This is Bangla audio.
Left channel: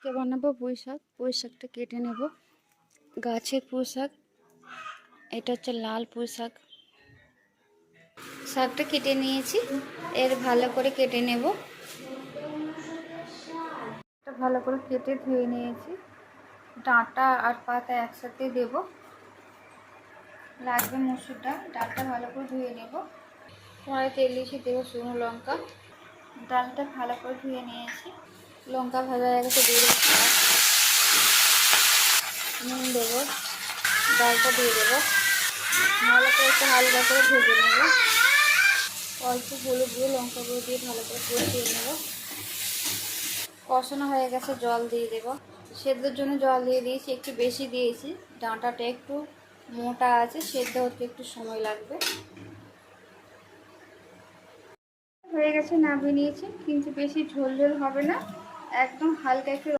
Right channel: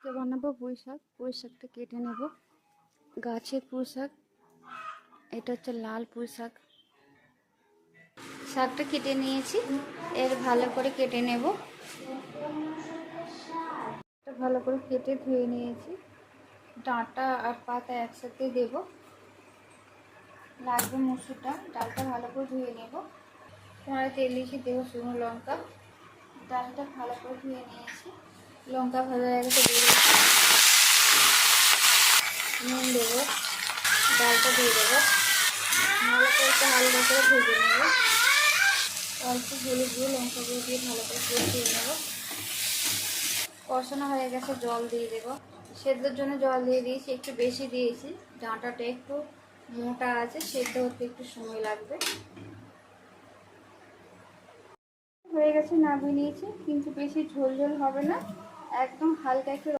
আজকে বানাবো পুঁই শাক। পুঁই শাকটা কেটে নেব। গাছের পুঁই শাক, এটা হচ্ছে লাল পুঁই শাক। শাকটা কেটে নিয়েছি, এর ভালো করে কেটে নেব। ভালো করে কেটে ধুয়ে নিয়েছি, ডাঁটা আর পাতা একসাথে দেব। লাগবে মসুর ডাল, ডালটা ভালো করে ধুয়ে নেব। কড়াই তেল দিয়ে দেবো শুকনো লঙ্কা। ডালটা ভালো করে ধুয়ে নিয়েছি, লঙ্কা ভাজা হয়ে গেছে, দিয়ে দেবো নুন, দেবো ডালটা দিয়ে দেবো। ভালো করে একটু হালকা করে ভেজে নেব। অল্প হলুদ দিয়ে লঙ্কা গুঁড়ো দিয়ে ভালো করে কষিয়ে নেব। কষানো হয়ে গেছে, জল দিয়ে দেবো। সেদ্ধর জন্য জল দিয়ে দিয়েছি, একটু বেশি দিয়েছি। ডাঁটাটা একটু মোটা আছে, সেদ্ধ হতে একটু সময় লাগবে। হয়ে গেছে, নামিয়ে নিয়েছি, কিন্তু বেশি ঝোল ঝোল হবে না, একদম হালকা একটু